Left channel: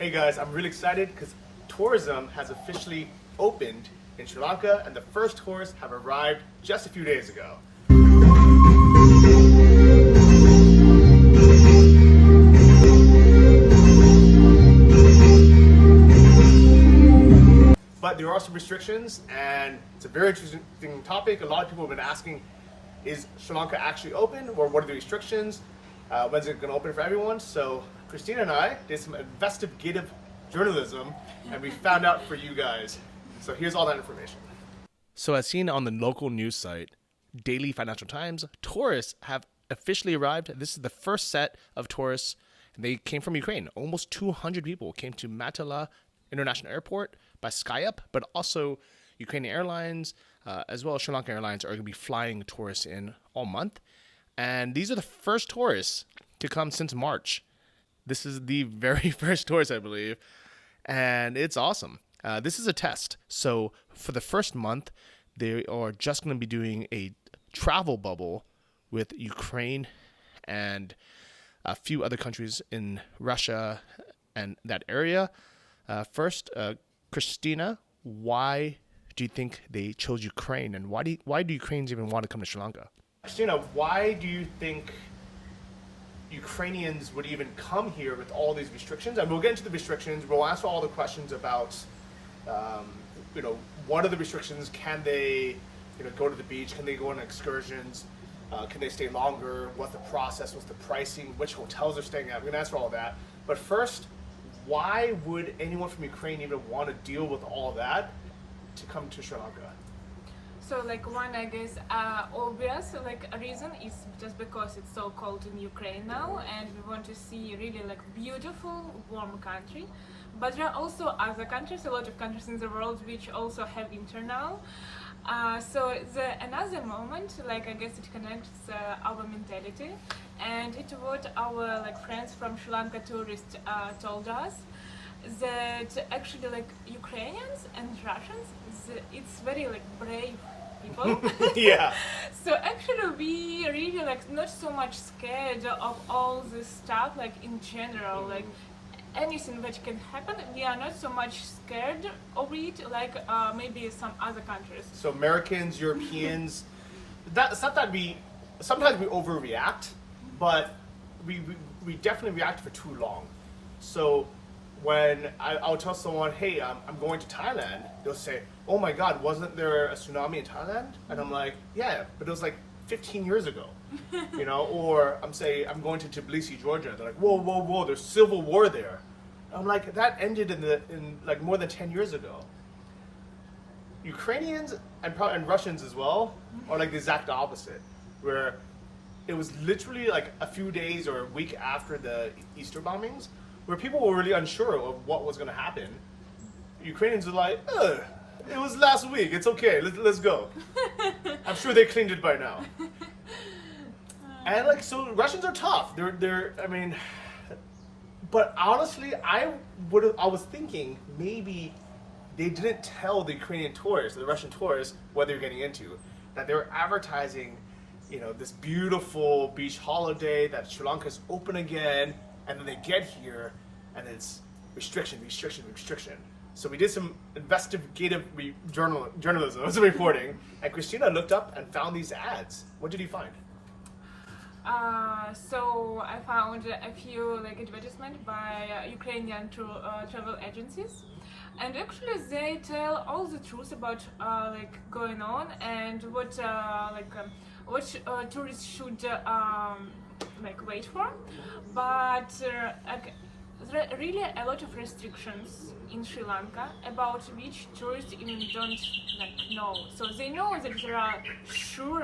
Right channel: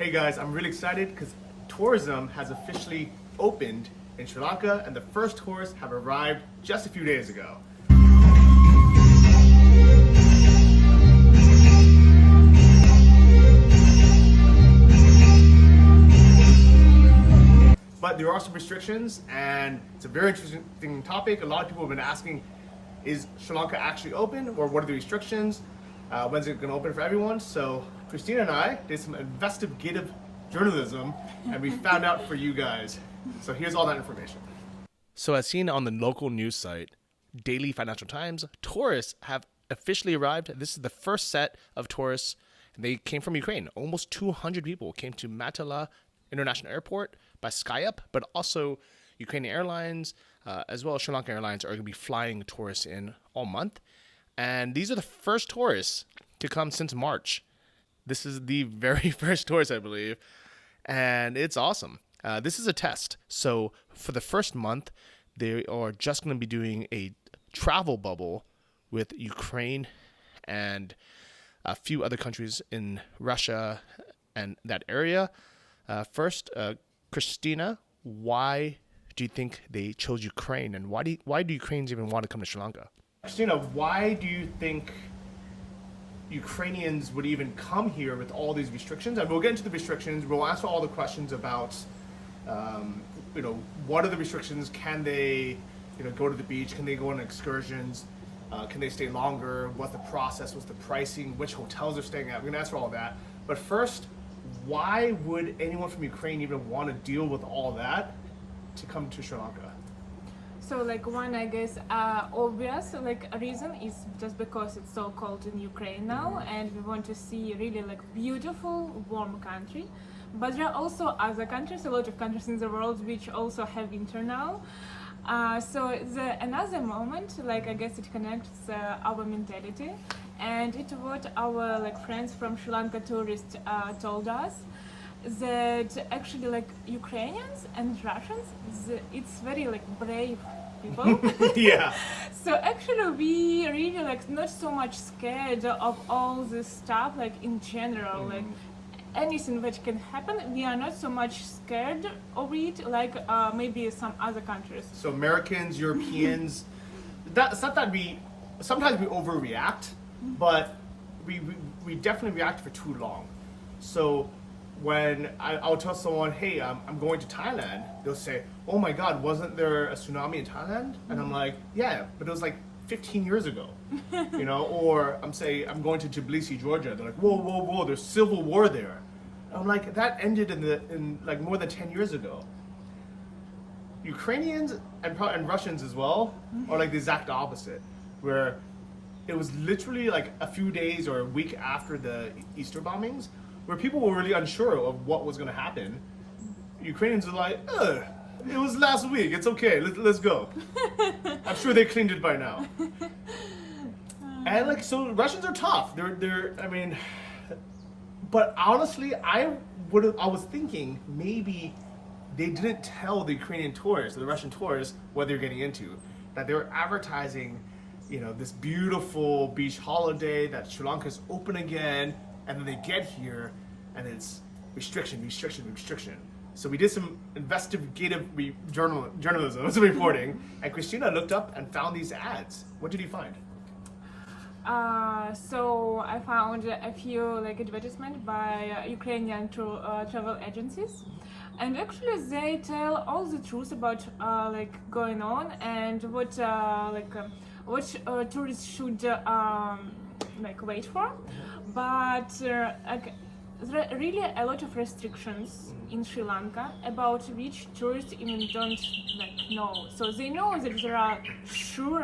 Hey guys, I'm really excited because tourism has officially opened in Sri Lanka and the first tourists have arrived just a few days ago. But there are some restrictions and it's a very interesting topic. A lot of people have been asking, is Sri Lanka actually open or what are the restrictions? When's it going to open for everyone? So Christina and I did some investigative journalism and we found out for you guys. So here's all that information. So as seen on the local news site, Daily Financial Times, tourists have officially arrived. This is the first set of tourists. They came from Ukraine. Almost 200 people came to Matala International Airport by SkyUp, but also Ukrainian Airlines, as well as Sri Lanka Airlines are going to be flying tourists in all month. And these are the first tourists to come since March. This is the very first tourist, I believe. And it's awesome. This is a test. So for the first month, they are just going to be doing a travel bubble with Ukraine and a few other countries in Russia and that area. First, Christina, why do you think they chose Ukraine, and why do Ukrainians even want to come to Sri Lanka? Christina, why do you think Ukrainians would even come here with all these restrictions? And we'll get into the restrictions. We'll answer all the questions about, what are the restrictions? Can they, go to the beach? Can they go on excursions? Can they stay longer? What's the process? What's the pricing? Which hotels they're staying at? We're going to answer all of that. But first, why would anyone from Ukraine even want to deal with all that to come to Sri Lanka? So one, I guess, obvious reason is just because it's so cold in Ukraine now, and we want to see really beautiful, warm country. But there are also other countries, a lot of countries in the world which also have winter now. So another moment, I guess it connects our mentality, and it what our friends from Sri Lanka tourists told us, that actually Ukrainians and Russians, it's very brave people. Yeah. So actually we really not so much scared of all this stuff in general, anything that can happen, we are not so much scared of it maybe some other countries. So Americans, Europeans, it's not that sometimes we overreact, but we definitely react for too long. So when I'll tell someone, hey, I'm going to Thailand, they'll say, oh my God, wasn't there a tsunami in Thailand? And I'm like, yeah, but it was 15 years ago, or I'm going to Tbilisi, Georgia. They're like, whoa, there's civil war there. I'm like, that ended in more than 10 years ago. Ukrainians and Russians as well are the exact opposite, where it was literally a few days or a week after the Easter bombings, where people were really unsure of what was going to happen. Ukrainians are like, it was last week, it's okay, let's go. I'm sure they cleaned it by now. And so Russians are tough. But honestly, I was thinking maybe they didn't tell the Ukrainian tourists, or the Russian tourists, what they're getting into. That they were advertising, this beautiful beach holiday, that Sri Lanka is open again, and then they get here and it's restriction. So we did some investigative journalism, reporting, and Christina looked up and found these ads. What did you find? So I found a few advertisements by Ukrainian travel agencies, and actually they tell all the truth about going on and what tourists should wait for, but there are really a lot of restrictions in Sri Lanka about which tourists even don't know. So they know that there are sure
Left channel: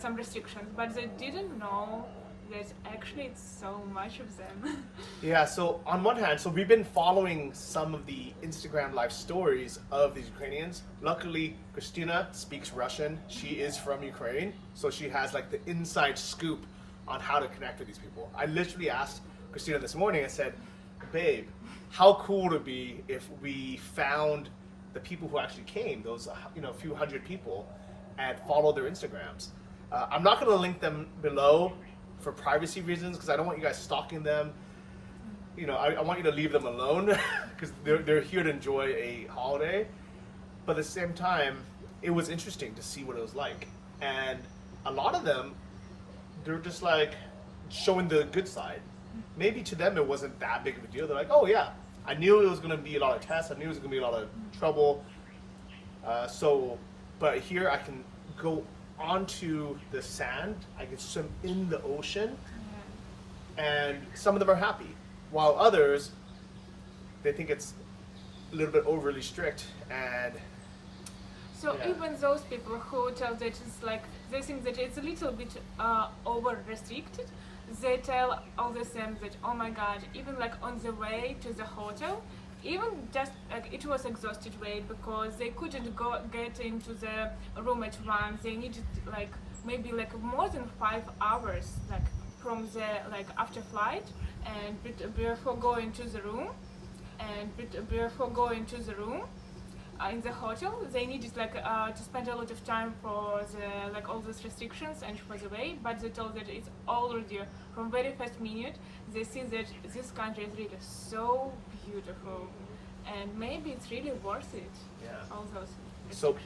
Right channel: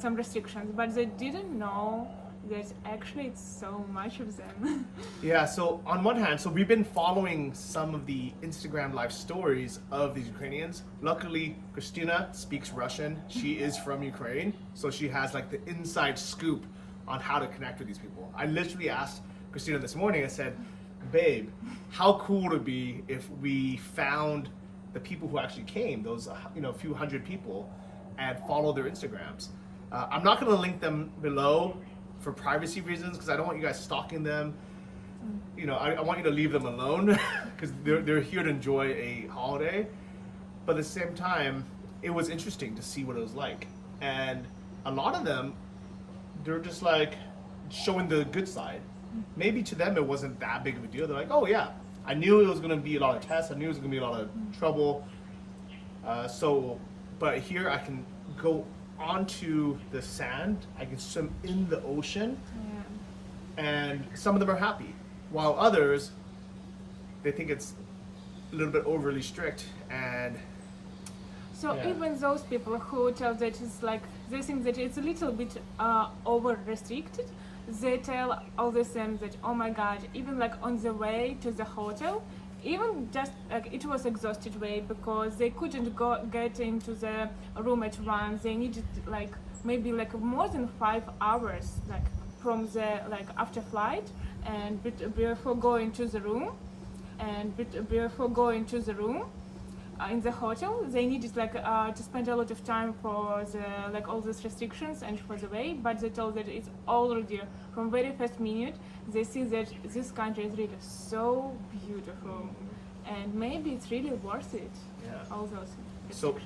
some restrictions, but they didn't know that actually it's so much of them. Yeah, so on one hand, we've been following some of the Instagram live stories of these Ukrainians. Luckily, Christina speaks Russian. She is from Ukraine, so she has the inside scoop on how to connect with these people. I literally asked Christina this morning, I said, babe, how cool would it be if we found the people who actually came, those few hundred people, and follow their Instagrams. I'm not going to link them below for privacy reasons because I don't want you guys stalking them. I want you to leave them alone because they're here to enjoy a holiday. But at the same time, it was interesting to see what it was like. And a lot of them, they're just like showing the good side. Maybe to them it wasn't that big of a deal. They're like, oh yeah, I knew it was going to be a lot of tests. I knew it was going to be a lot of trouble. But here I can go onto the sand. I can swim in the ocean. And some of them are happy. While others, they think it's a little bit overly strict. And so even those people who tell that it's like, they think that it's a little bit over restricted, they tell all the same that, oh my god, even like on the way to the hotel, even just like it was exhausted way because they couldn't get into the room at once. They needed like maybe like more than 5 hours like from the like after flight and before going to the room in the hotel. They needed like to spend a lot of time for the like all these restrictions and for the way, but they told that it's already from very first minute they see that this country is really so beautiful and maybe it's really worth it. All those restrictions. So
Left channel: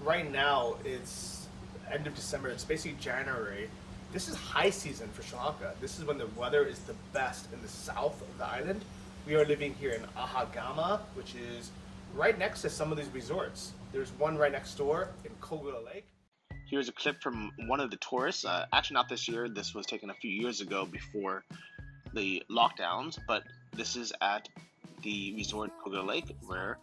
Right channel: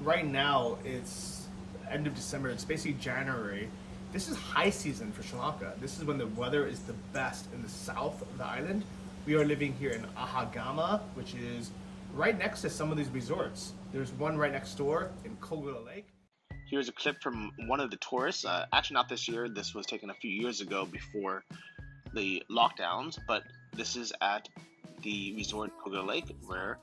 right now it's end of December, it's basically January. This is high season for Sri Lanka. This is when the weather is the best in the south of the island. We are living here in Ahagama, which is right next to some of these resorts. There's one right next door in Kogula Lake. Here's a clip from one of the tourists. Actually, not this year. This was taken a few years ago before the lockdowns, but this is at the resort Kogula Lake where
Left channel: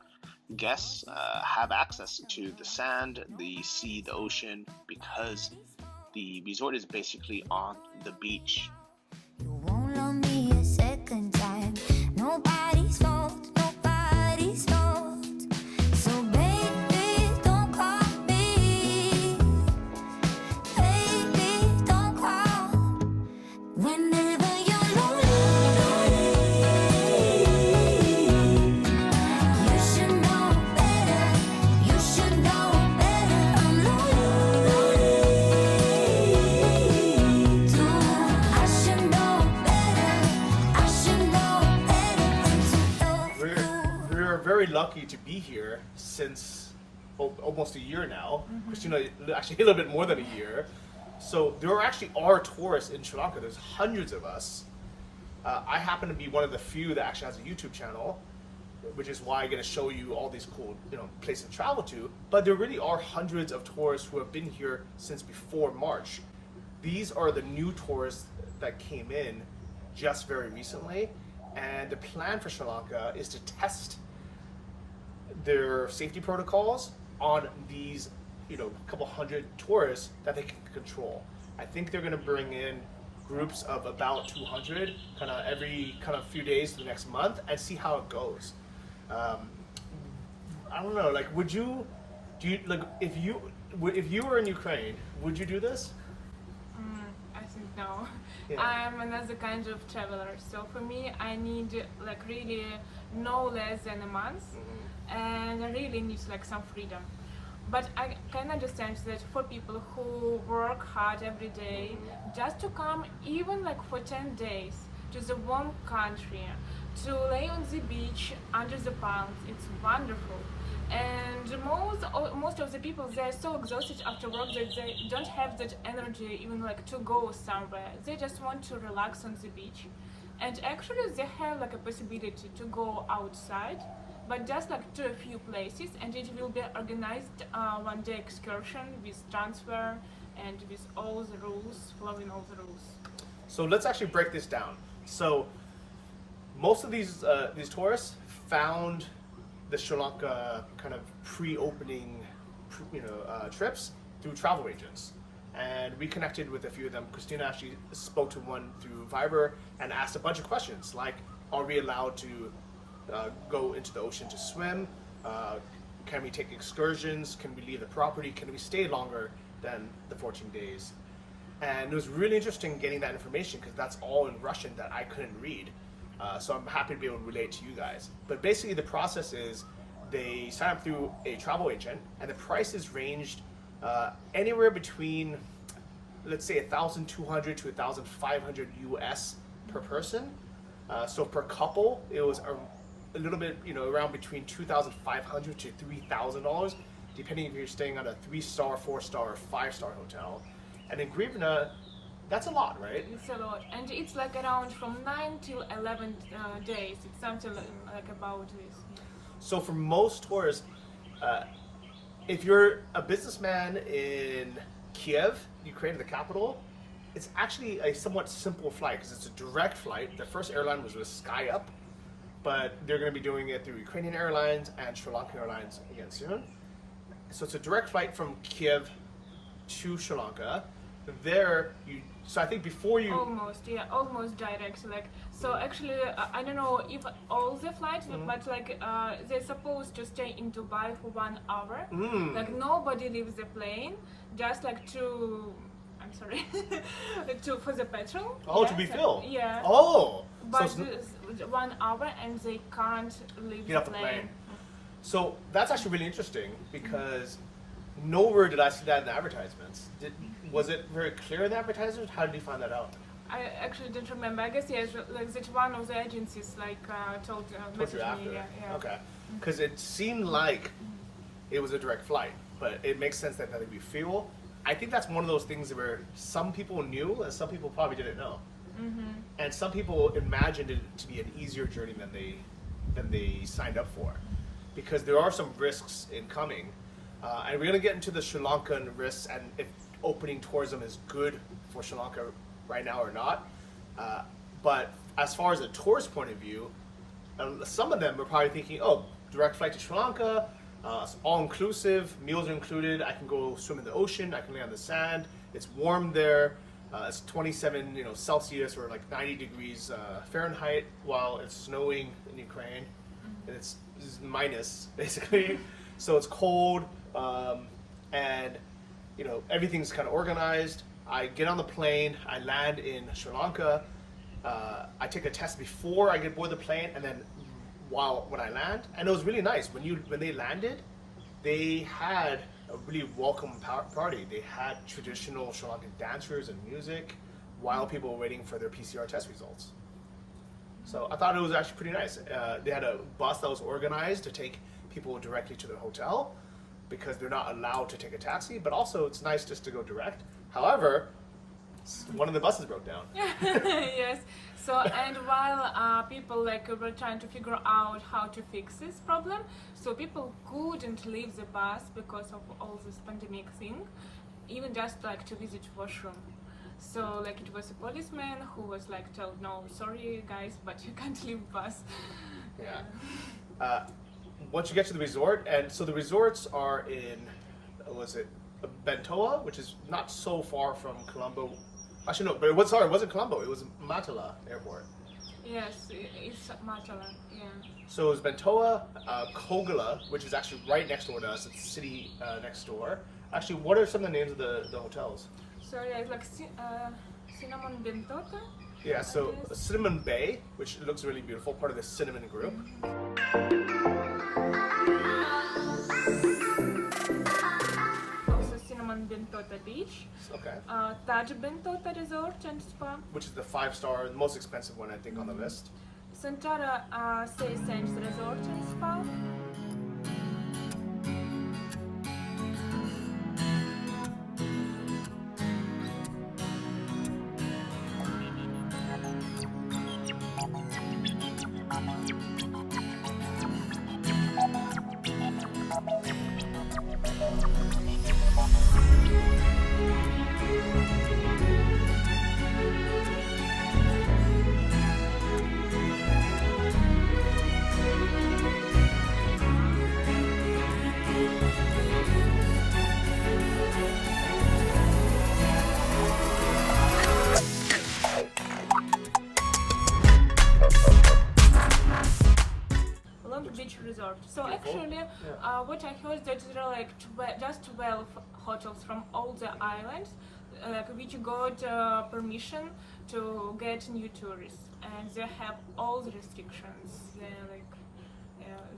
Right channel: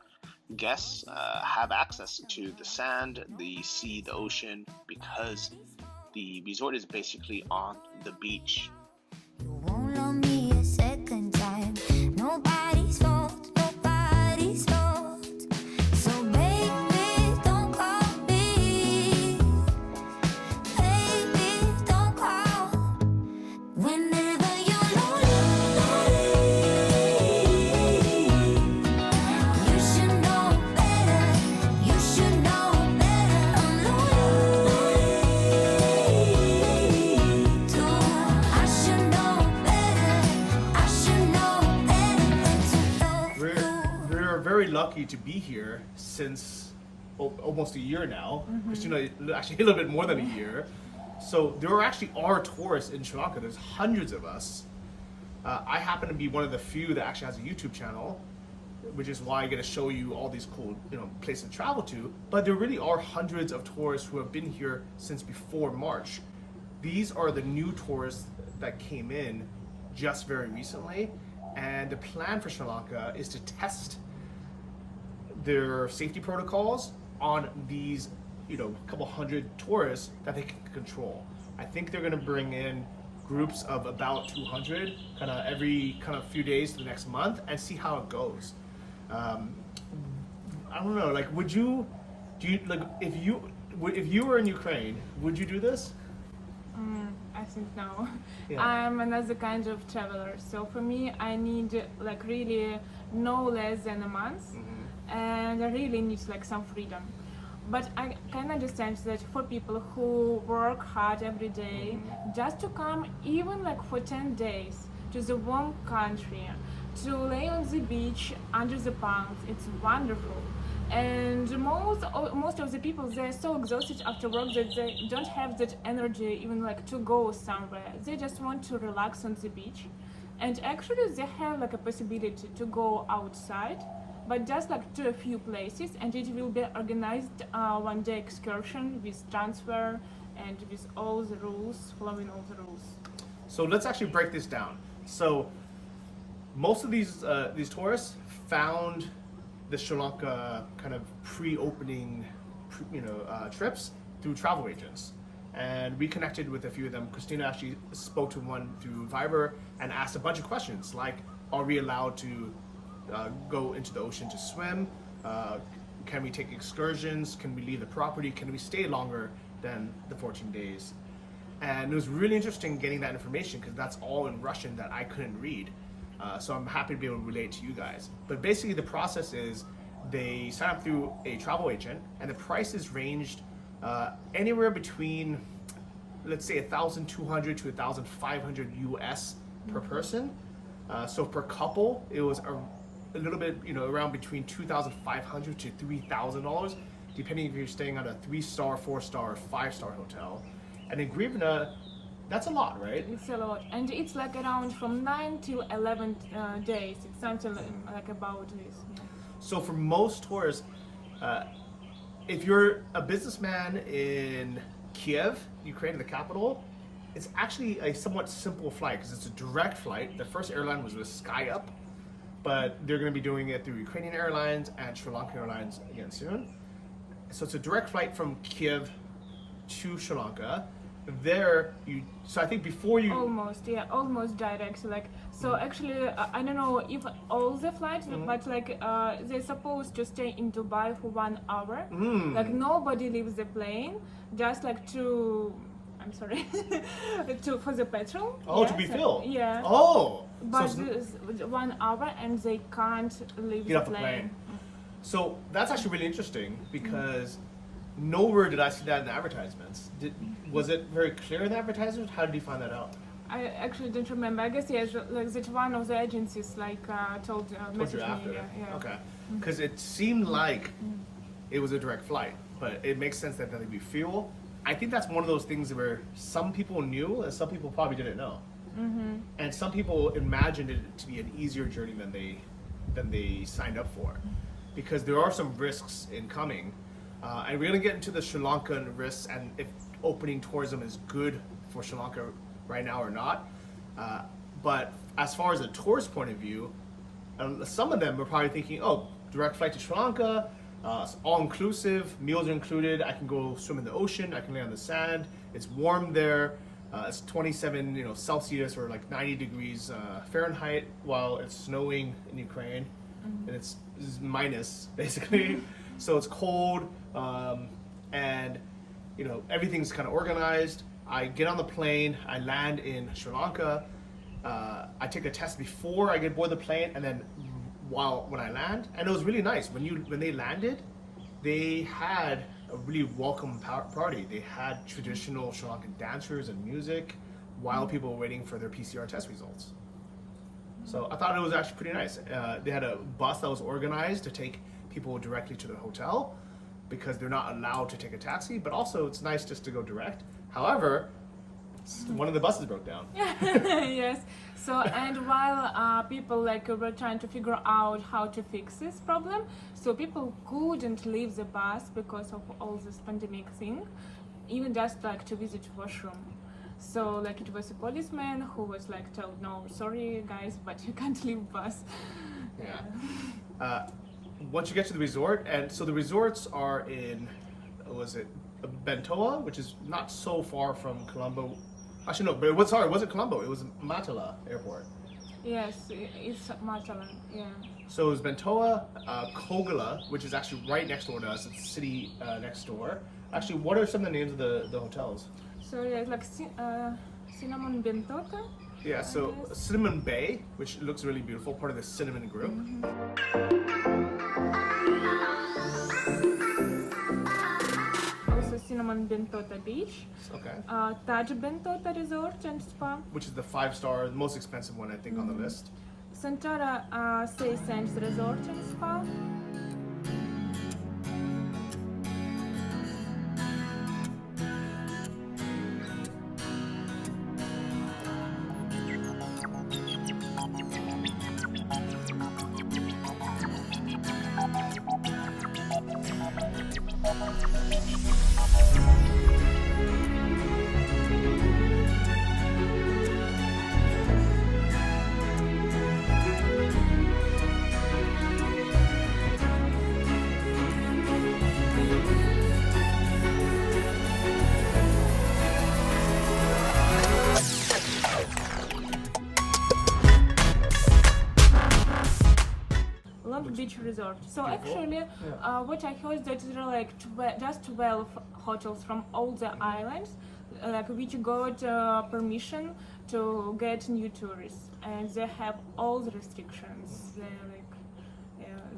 guests have access to the sand, the sea, the ocean, because the resort is basically on the beach. You won't love me a second time. Nobody's fault, nobody's fault. So baby, don't call me. Baby, don't call. Whenever you're lonely, you should know better. You should know better. I'm lonely too. I should know better. I should know better than to love you. We're very lucky to be here since almost a year now. Christina, actually a little bit more than a year. So there actually are tourists in Sri Lanka. There's hundreds of us. I happen to be one of the few that actually has a YouTube channel, which is why I'm going to show you all these cool, places to travel to. But there really are hundreds of tourists who have been here since before March. These are the new tourists that came in just very recently. And the plan for Sri Lanka is to test their safety protocols on these, couple hundred tourists that they can control. I think they're going to bring in groups of about 200 kind of every kind of few days to the next month and see how it goes. I don't know, like if you were in Ukraine, would you do this? I think no. Yeah. I'm another kind of traveler, so for me I need like really no less than a month, and I really need like some freedom. But I can understand that for people who work hard every day, just to come even like for 10 days to the warm country, to lay on the beach under the palms, it's wonderful. And most of the people, they're so exhausted after work that they don't have that energy even like to go somewhere. They just want to relax on the beach. And actually they have like a possibility to go outside, but just like to a few places, and it will be organized one day excursion with transfer and with all the rules, following all the rules. So let's actually break this down. So most of these tourists found the Sri Lanka kind of pre-opening, trips through travel agents, and we connected with a few of them. Christina actually spoke to one through Viber and asked a bunch of questions like, are we allowed to go into the ocean to swim? Can we take excursions? Can we leave the property? Can we stay longer than the 14 days? And it was really interesting getting that information because that's all in Russian that I couldn't read. So I'm happy to be able to relate to you guys. But basically the process is they sign up through a travel agent and the prices ranged anywhere between, let's say, 1,200 to 1,500 US per person. So per couple, it was a little bit, around between $2,500 to $3,000, depending if you're staying at a 3-star, 4-star, or 5-star hotel. And in Grivna, that's a lot, right? It's a lot, and it's like around from 9 to 11 days. It's something like about this. Yeah. So for most tourists, if you're a businessman in Kiev, Ukraine, the capital, it's actually a somewhat simple flight because it's a direct flight. The first airline was with SkyUp, but they're going to be doing it through Ukrainian Airlines and Sri Lanka Airlines again soon. So it's a direct flight from Kiev to Sri Lanka. So I think before you almost direct. So actually, I don't know if all the flights, but they're supposed to stay in Dubai for 1 hour. Like nobody leaves the plane, just I'm sorry, for the petrol. Oh, to be filled. Yeah. Oh. But so 1 hour and they can't leave get off the plane. So that's actually really interesting because nowhere did I see that in the advertisements. Was it very clear in the advertisements? How did you find that out? I actually don't remember. I guess that one of the agencies told you after. me. Yeah. Okay. Because it seemed like it was a direct flight, but it makes sense that there'd be fuel. I think that's one of those things where some people knew and some people probably didn't know. And some people imagined it to be an easier journey than they signed up for, because there are some risks in coming. And we're going to get into the Sri Lankan risks and if opening tourism is good for Sri Lanka right now or not. But as far as a tourist point of view, some of them are probably thinking, oh, direct flight to Sri Lanka, all-inclusive, meals are included, I can go swim in the ocean, I can lay on the sand, it's warm there, it's 27 Celsius or like 90 degrees Fahrenheit while it's snowing in Ukraine, and it's minus basically. So it's cold, and everything's kind of organized. I get on the plane, I land in Sri Lanka, I take a test before I get aboard the plane, and then when I land, and it was really nice. When they landed, they had a really welcome party. They had traditional Sri Lankan dancers and music while people were waiting for their PCR test results. So I thought it was actually pretty nice. They had a bus that was organized to take people directly to the hotel because they're not allowed to take a taxi, but also it's nice just to go direct. However, one of the buses broke down. Yes. So, and while people were trying to figure out how to fix this problem, so people couldn't leave the bus because of all this pandemic thing, even just to visit washroom. So it was a policeman who was told, no, sorry guys, but you can't leave bus. Yeah. Once you get to the resort, and so the resorts are in, Bentoa, which is not so far from Colombo. Actually, no, but it wasn't Colombo, it was Matala Airport. Yes, it's Matala, yeah. So it was Bentoa, Kogala, which is actually right next door to us, it's the city next door. Actually, what are some of the names of the hotels? So yeah, it's Cinnamon Bentota. Yeah, so Cinnamon Bay, which looks really beautiful, part of the Cinnamon group. Also Cinnamon Bentota Beach. Okay. Taj Bentota Resort and Spa. Which is the 5-star, the most expensive one I think on the list. Santara Say Sands Resort and Spa. Beach Resort. So actually, what I heard that there are just 12 hotels from all the islands, which got permission to get new tourists, and they have all the restrictions.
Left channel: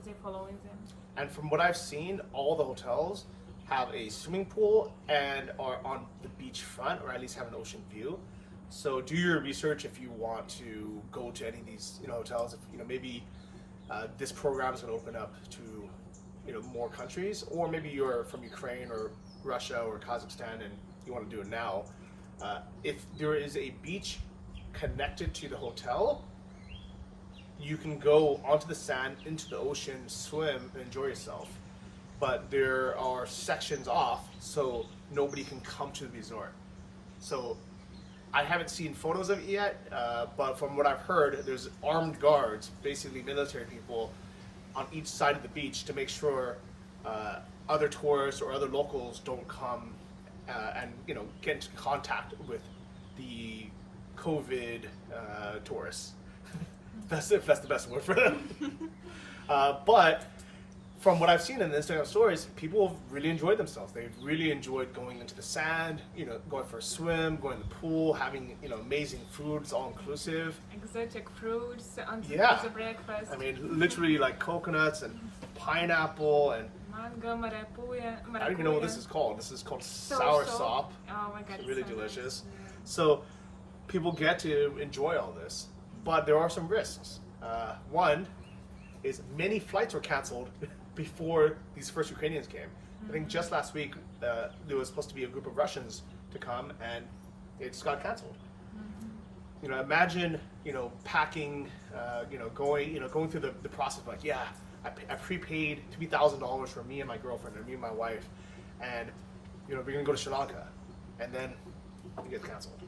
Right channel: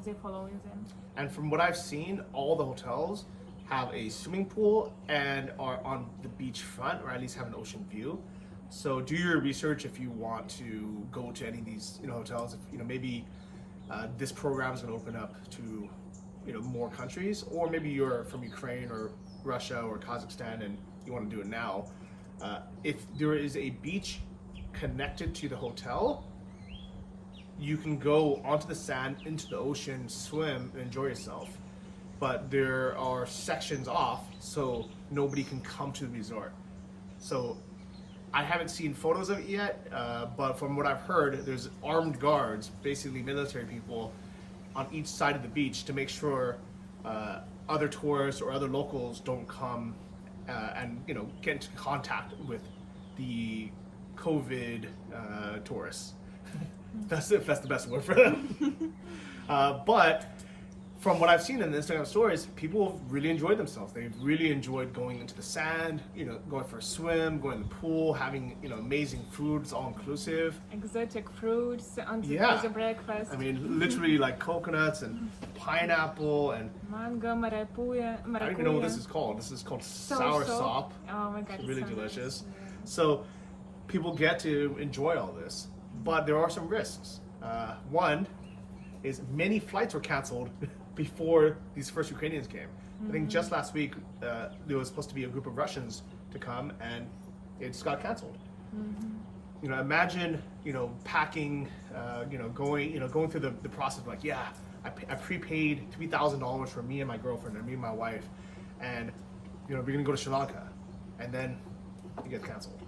They're following them. And from what I've seen, all the hotels have a swimming pool and are on the beach front, or at least have an ocean view. So do your research if you want to go to any of these, hotels. If maybe this program is going to open up to, more countries, or maybe you're from Ukraine or Russia or Kazakhstan and you want to do it now. If there is a beach connected to the hotel, you can go onto the sand, into the ocean, swim, and enjoy yourself. But there are sections off, so nobody can come to the resort. So I haven't seen photos of it yet, but from what I've heard, there's armed guards, basically military people, on each side of the beach to make sure other tourists or other locals don't come and get into contact with the COVID tourists. That's the best word for them. But from what I've seen in the Instagram stories, people have really enjoyed themselves. They've really enjoyed going into the sand, going for a swim, going to the pool, having amazing food. It's all inclusive. Exotic fruits on the breakfast. I mean, literally like coconuts and pineapple and mango, maracuya. I don't even know what this is called. This is called sour sop. Oh my god, it's really so delicious. Nice. Yeah. So people get to enjoy all this, but there are some risks. One is many flights were canceled before these first Ukrainians came. I think just last week there was supposed to be a group of Russians to come, and it just got canceled. Imagine packing, going through the process of like, I prepaid $3,000 for me and my girlfriend and me and my wife, and we're gonna go to Sri Lanka, and then it gets canceled.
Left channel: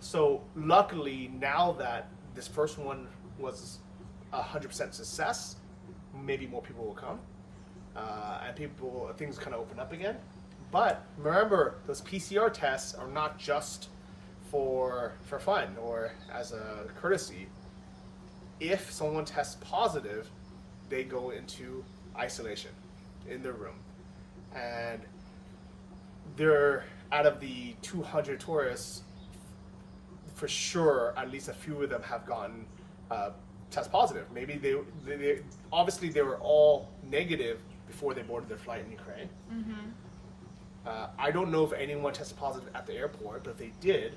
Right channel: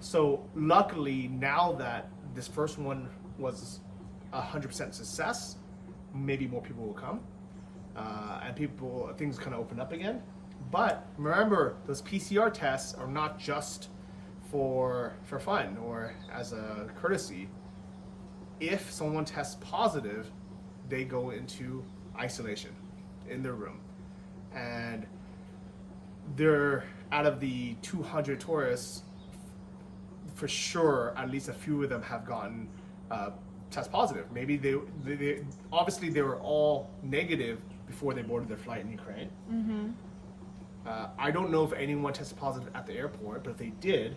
So luckily now that this first one was 100% success, maybe more people will come, and things kind of open up again. But remember, those PCR tests are not just for fun or as a courtesy. If someone tests positive, they go into isolation in their room, and they're out of the 200 tourists, for sure at least a few of them have gotten test positive. Maybe they obviously they were all negative before they boarded their flight in Ukraine. I don't know if anyone tested positive at the airport, but if they did,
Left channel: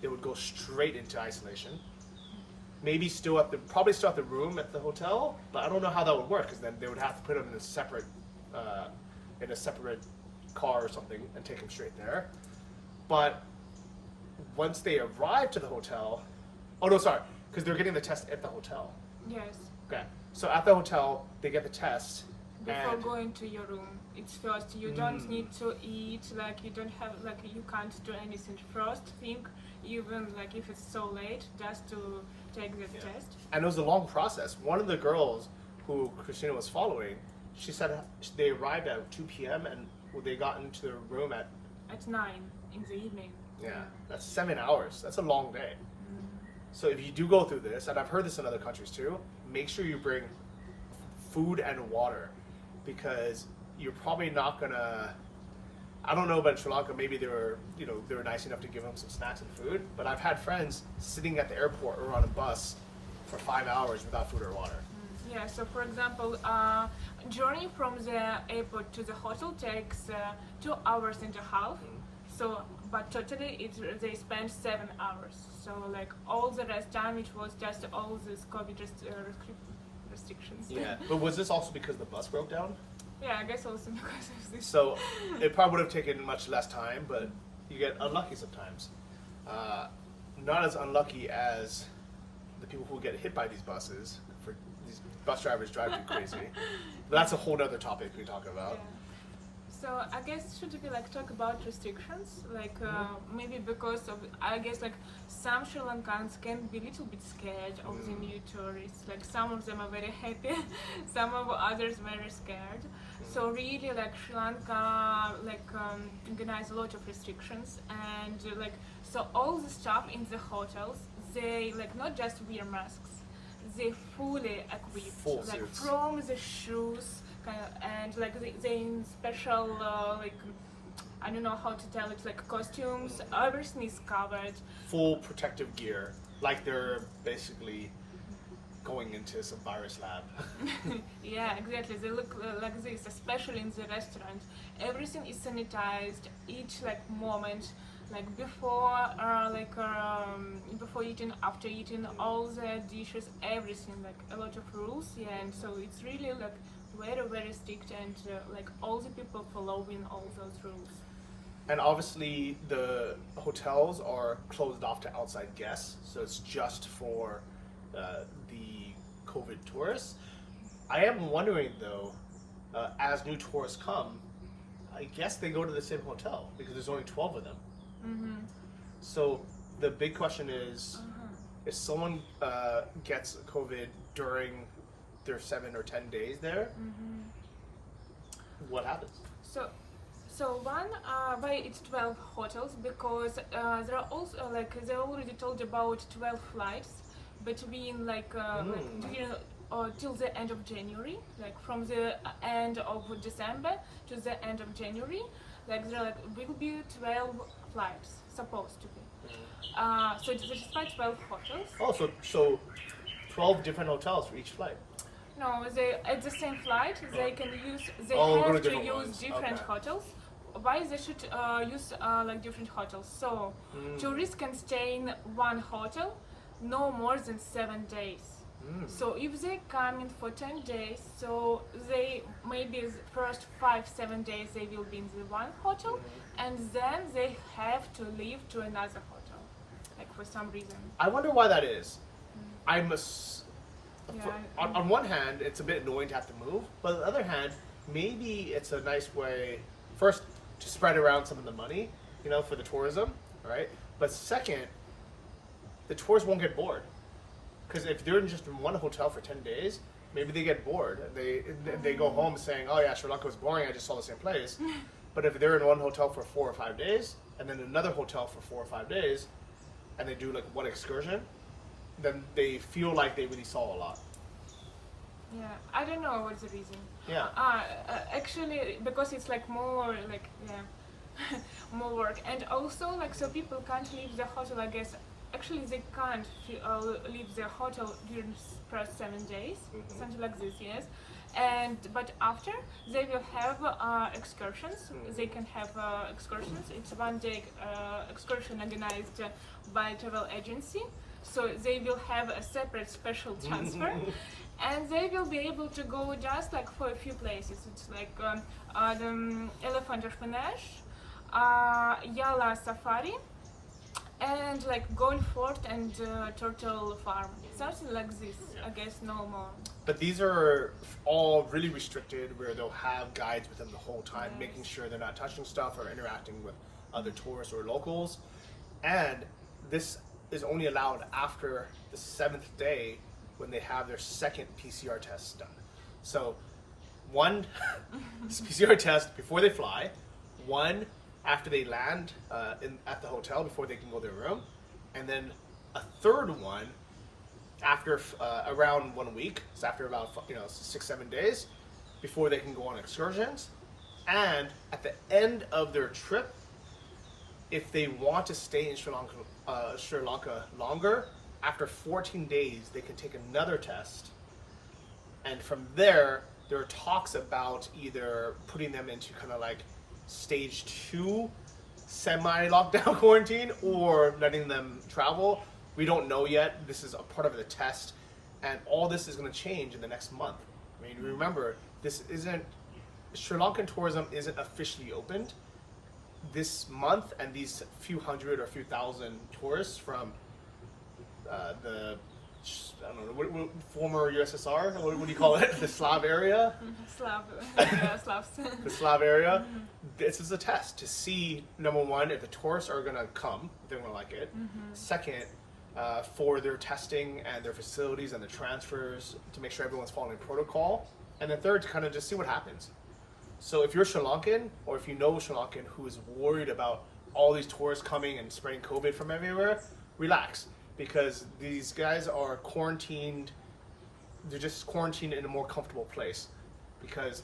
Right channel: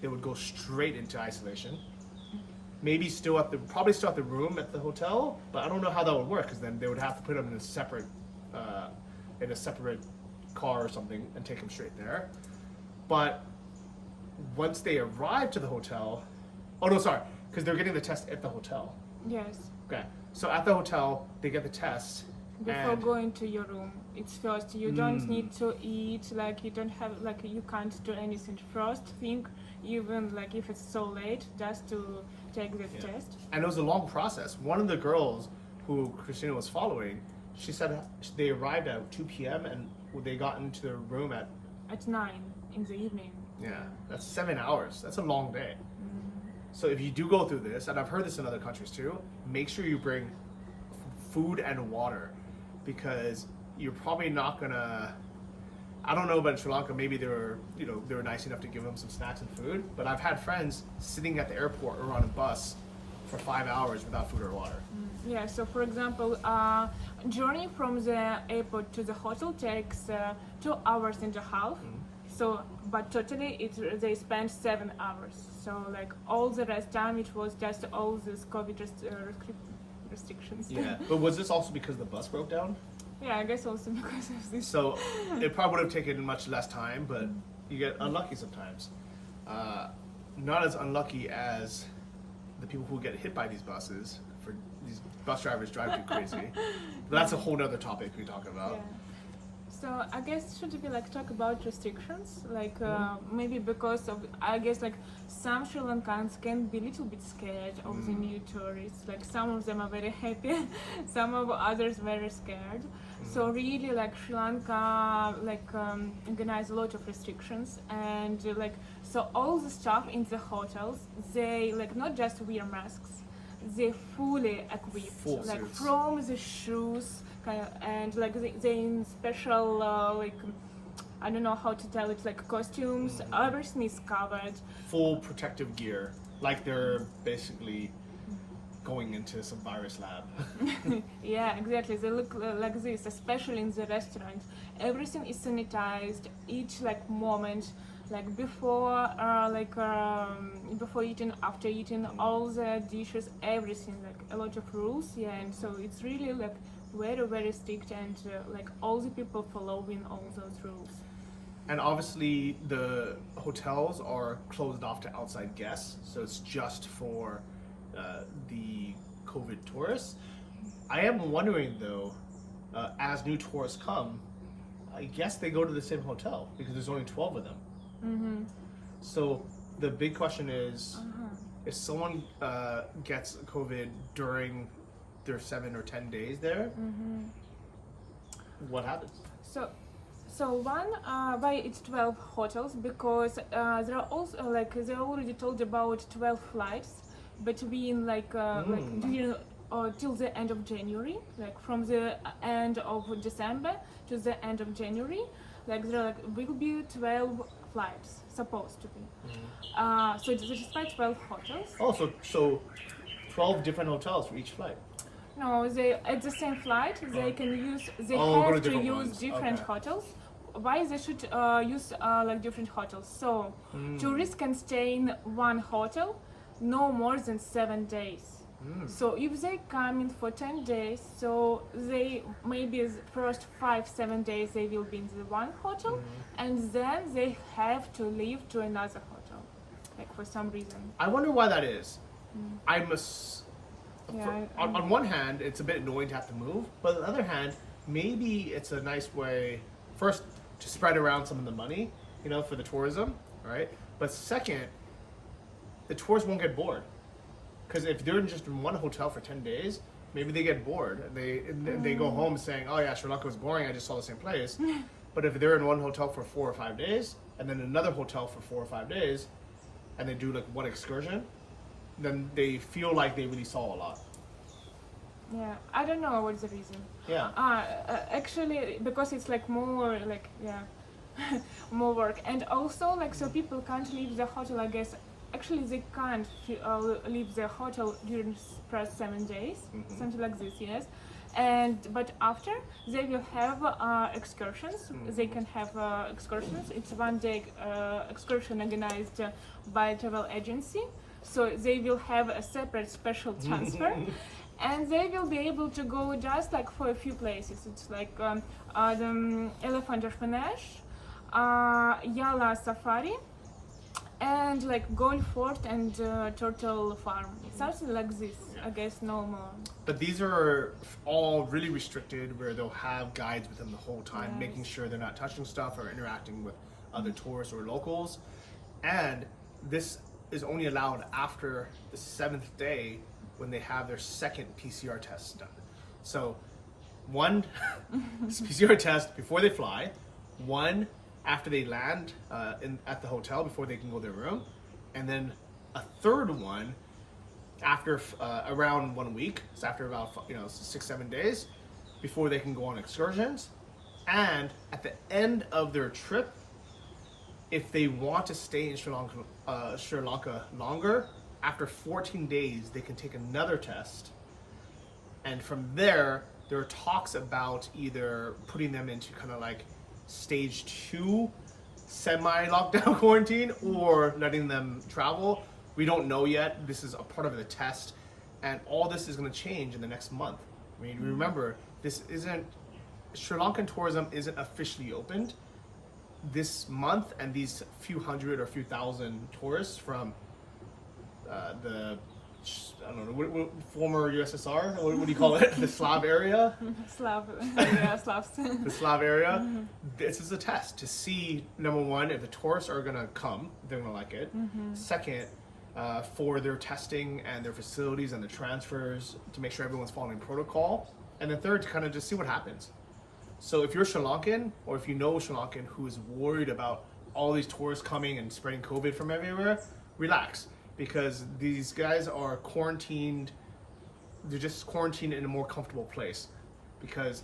they would go straight into isolation. Maybe probably still at the room at the hotel, but I don't know how that would work, because then they would have to put them in a separate car or something and take them straight there. But once they arrive to the hotel, because they're getting the test at the hotel. Yes. Okay, so at the hotel they get the test. Before going to your room, it's first. You don't need to eat. Like you don't have you can't do anything first thing. Even like if it's so late, just to take the test. And it was a long process. One of the girls who Christina was following, she said they arrived at 2 p.m. and they got into their room at 9 in the evening. Yeah, that's 7 hours. That's a long day. So if you do go through this, and I've heard this in other countries too, make sure you bring food and water, because you're probably not gonna. I don't know about in Sri Lanka. Maybe they were nice enough to give them some snacks and food. But I've had friends sitting at the airport or on a bus for 5 hours without food or water. Yeah. So for example, journey from the airport to the hotel takes 2 hours and a half. So, but totally they spent 7 hours. So like all the rest time it was just all this COVID restrictions. Yeah, but was this also because the bus broke down? Yeah, I guess also because of this. So it probably would have taken much less time, but you get unlucky sometimes. Not as unlucky as the people who get hit by these buses. For these bus drivers drive too crazy. But that's a whole nother topic we talk about. Yeah. So I guess should we talk about restrictions? Maybe because of I guess some Sri Lankans can be a little bit scared of the new tourists. Like some of them are very happy, some of others very scared. So really Sri Lanka organize a lot of restrictions, and so all the staff in the hotels, they not just wear masks, they fully equipped, full suits. From the shoes and they in special I don't know how to tell it, costumes, everything is covered. Full protective gear, like they're basically going into some virus lab. Yeah, exactly. They look like this, especially in the restaurant. Everything is sanitized, each moment. like before eating, after eating, all the dishes, everything, like a lot of rules. Yeah, and so it's really like very very strict, and like all the people following all those rules. And obviously the hotels are closed off to outside guests, so it's just for the COVID tourists. I am wondering though, as new tourists come, I guess they go to the same hotel because there's only 12 of them. Mm-hmm. So the big question is, if someone gets COVID during their 7 or 10 days there, what happens? So why it's 12 hotels, because there are also like they already told about 12 flights between like during till the end of January, like from the end of December to the end of January, like there will be 12 flights supposed to be. So despite 12 hotels. Oh, so 12 different hotels for each flight. No, they at the same flight they can use. They go to have to different use ones. different Okay. hotels. Why they should use like different hotels? So tourists can stay in one hotel no more than 7 days. So if they come in for 10 days, so they maybe the first 5-7 days they will be in the one hotel, and then they have to leave to another hotel, like for some reason. I wonder why that is. I must. Yeah, On one hand, it's a bit annoying to have to move, but on the other hand, maybe it's a nice way, first, to spread around some of the money, for the tourism, right? But second, the tourists won't get bored. Because if they're just in one hotel for 10 days, maybe they get bored. And they go home saying, oh yeah, Sri Lanka was boring, I just saw the same place. But if they're in one hotel for 4 or 5 days, and then another hotel for 4 or 5 days, and they do like one excursion, then they feel like they really saw a lot. Yeah, I don't know what's the reason. Yeah. Actually, because it's like more like more work, and also like so people can't leave the hotel. I guess actually they can't leave the hotel during first 7 days, something like this. Yes, but after they will have excursions. They can have excursions. It's 1 day excursion organized by a travel agency. So they will have a separate special transfer. And they will be able to go just like for a few places. It's like the Elephant Orphanage, Yala Safari, and like Gold Fort and Turtle Farm. Something like this, I guess, no more. But these are all really restricted, where they'll have guides with them the whole time, making sure they're not touching stuff or interacting with other tourists or locals. And this is only allowed after the 7th day, when they have their second PCR test done. So one PCR test before they fly, one after they land at the hotel before they can go to their room, and then a third one after around 1 week, so after about 6-7 days before they can go on excursions. And at the end of their trip, if they want to stay in Sri Lanka longer, after 14 days, they can take another test. And from there are talks about either putting them into kind of like stage 2 semi-lockdown quarantine or letting them travel. We don't know yet. This is a part of the test. And all this is going to change in the next month. I mean, remember, Sri Lankan tourism isn't officially opened this month, and these few hundred or few thousand tourists from the former USSR, what do you call it? The Slav area? Slavs. The Slav area. This is a test to see, number one, if the tourists are going to come, they're going to like it. Second, for their testing and their facilities and the transfers to make sure everyone's following protocol. And then third, to kind of just see what happens. So if you're Sri Lankan, or if you know Sri Lankan who is worried about all these tourists coming and spreading COVID from everywhere, relax. Because these guys are quarantined, they're just quarantined in a more comfortable place. Because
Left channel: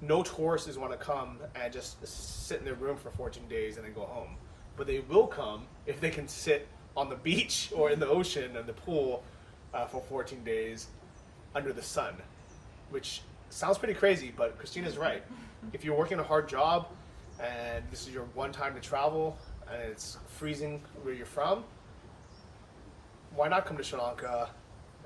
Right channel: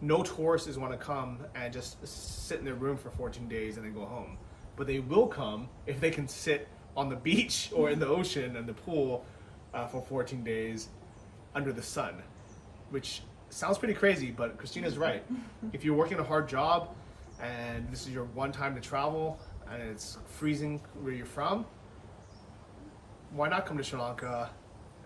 no tourists is want to come and just sit in their room for 14 days and then go home. But they will come if they can sit on the beach or in the ocean and the pool for 14 days under the sun. Which sounds pretty crazy, but Christina's right. If you're working a hard job and this is your one time to travel, and it's freezing where you're from, why not come to Sri Lanka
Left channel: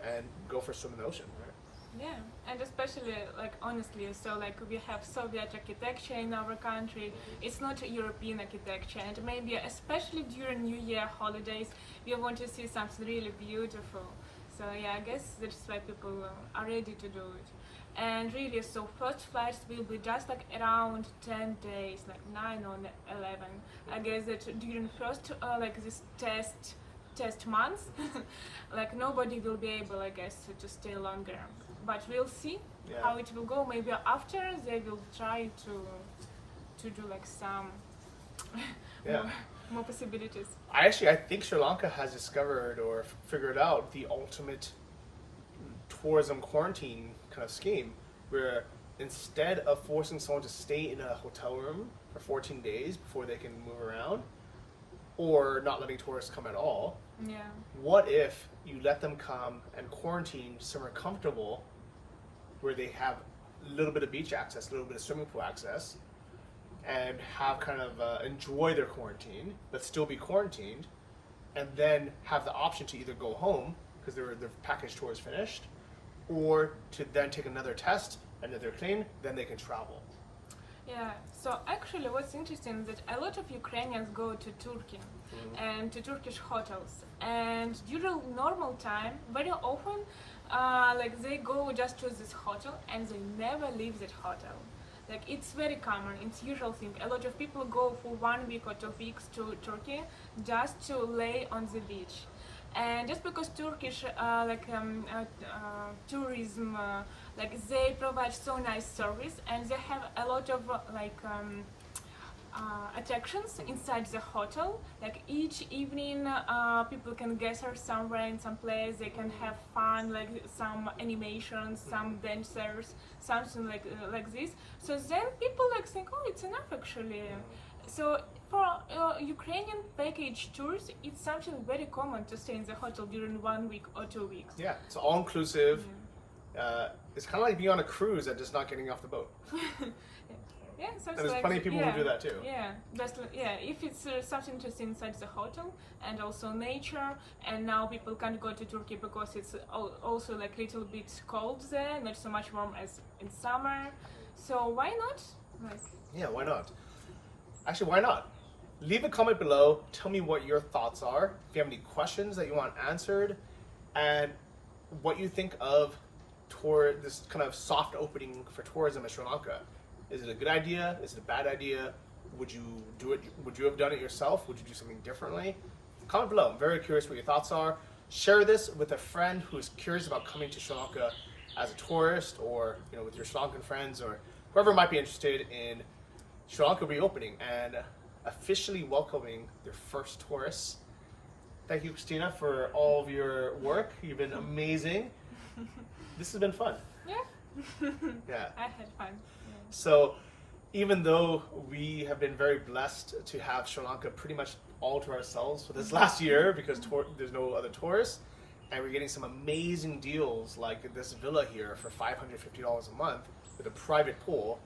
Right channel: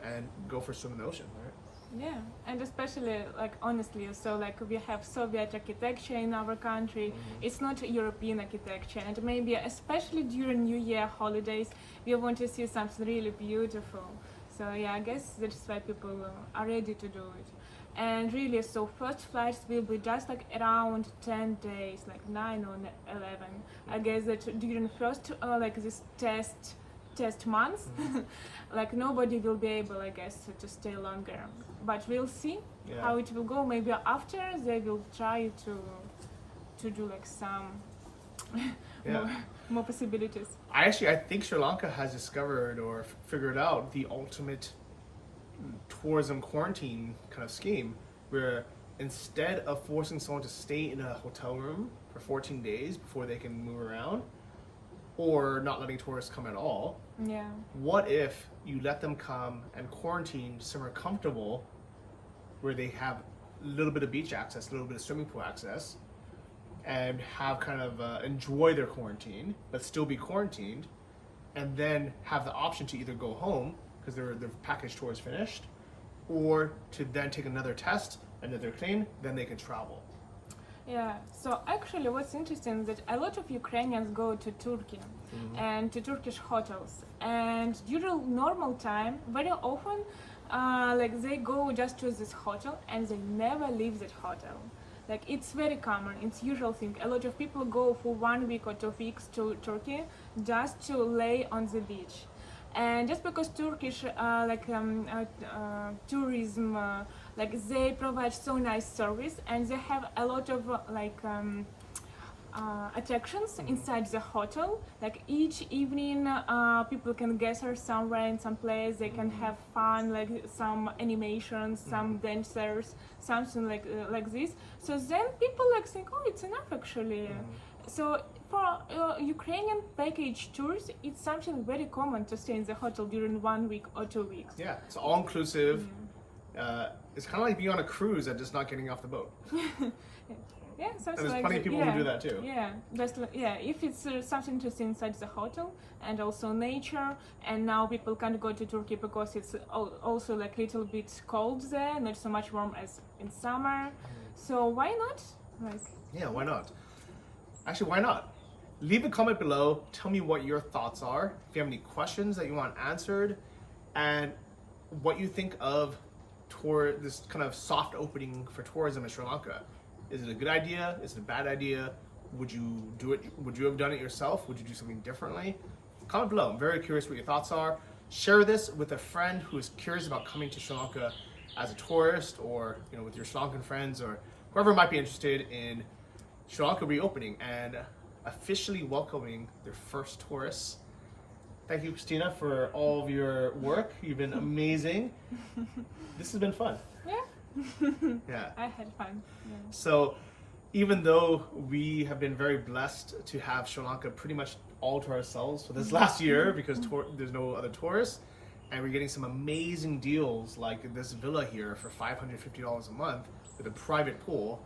and go for a swim in the ocean, right? Yeah, and especially like honestly, so like we have Soviet architecture in our country. It's not European architecture, and maybe especially during New Year holidays, we want to see something really beautiful. So yeah, I guess that's why people are ready to do it. And really, so first flights will be just like around 10 days, like 9 or 11. I guess that during first like this test months, like nobody will be able, I guess, to stay longer. But we'll see how it will go. Maybe after they will try to do like some more possibilities. I think Sri Lanka has discovered or figured out the ultimate tourism quarantine kind of scheme, where instead of forcing someone to stay in a hotel room for 14 days before they can move around, or not letting tourists come at all, what if you let them come and quarantine somewhere comfortable where they have a little bit of beach access, a little bit of swimming pool access, and have kind of enjoy their quarantine, but still be quarantined, and then have the option to either go home because their package tour is finished, or to then take another test, and if they're clean, then they can travel. Yeah, so actually what's interesting is that a lot of Ukrainians go to Turkey and to Turkish hotels, and during normal time, very often, like they go just to this hotel and they never leave that hotel. Like it's very common, it's usual thing. A lot of people go for 1 week or 2 weeks to Turkey just to lay on the beach. And just because Turkish tourism, like they provide so nice service, and they have a lot of attractions inside the hotel. Like each evening, people can gather somewhere in some place. They can have fun, like some animations, some dancers, something like this. So then people like think, oh, it's enough actually. So for Ukrainian package tours, it's something very common to stay in the hotel during 1 week or 2 weeks. Yeah, it's all inclusive. It's kind of like being on a cruise and just not getting off the boat. Yeah, something and there's like plenty of people who do that too. Yeah, if it's something interesting inside the hotel and also nature, and now people can't go to Turkey because it's also like little bit cold there, not so much warm as in summer. So why not? Yeah, why not? Actually, why not? Leave a comment below. Tell me what your thoughts are. If you have any questions that you want answered, and what you think of this kind of soft opening for tourism in Sri Lanka. Is it a good idea? Is it a bad idea? Would you do it? Would you have done it yourself? Would you do something differently? Comment below. I'm very curious what your thoughts are. Share this with a friend who is curious about coming to Sri Lanka as a tourist, or with your Sri Lankan friends, or whoever might be interested in Sri Lanka reopening and officially welcoming their first tourists. Thank you, Christina, for all of your work. You've been amazing. This has been fun. Yeah. I had fun. Yeah. So even though we have been very blessed to have Sri Lanka pretty much all to ourselves for this last year, because there's no other tourists, and we're getting some amazing deals like this villa here for $550 a month with a private pool.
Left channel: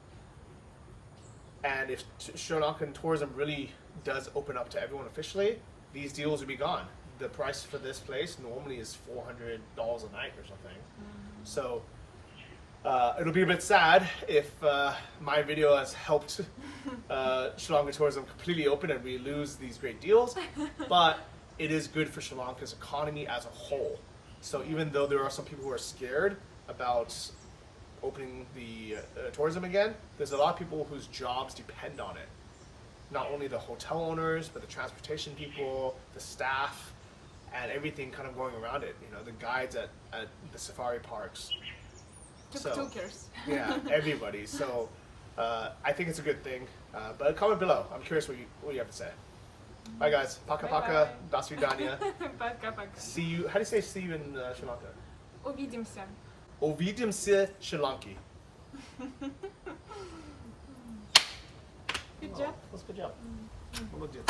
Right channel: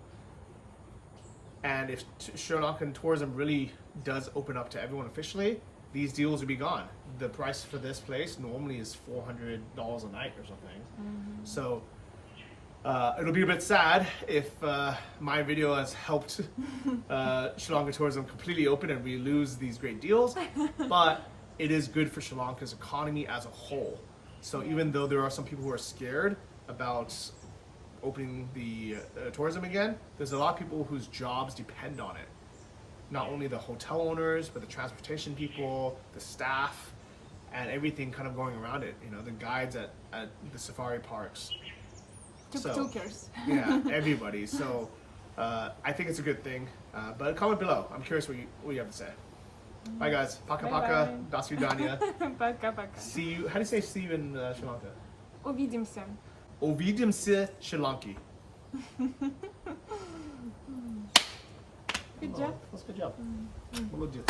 And if Sri Lankan tourism really does open up to everyone officially, these deals will be gone. The price for this place normally is $400 a night or something. So it'll be a bit sad if my video has helped Sri Lanka tourism completely open and we lose these great deals, but it is good for Sri Lanka's economy as a whole. So even though there are some people who are scared about opening the tourism again, there's a lot of people whose jobs depend on it. Not only the hotel owners, but the transportation people, the staff, and everything kind of going around it. The guides at the safari parks. Tuk-tukers. Yeah, everybody. So I think it's a good thing. But comment below. I'm curious what you have to say. Bye guys. Paka paka. До свидания. Пока-пока. See you. How do you say see you in Sri Lanka? Увидимся. Увидимся, Sri Lanki. Good job. That's a good job. Молодец.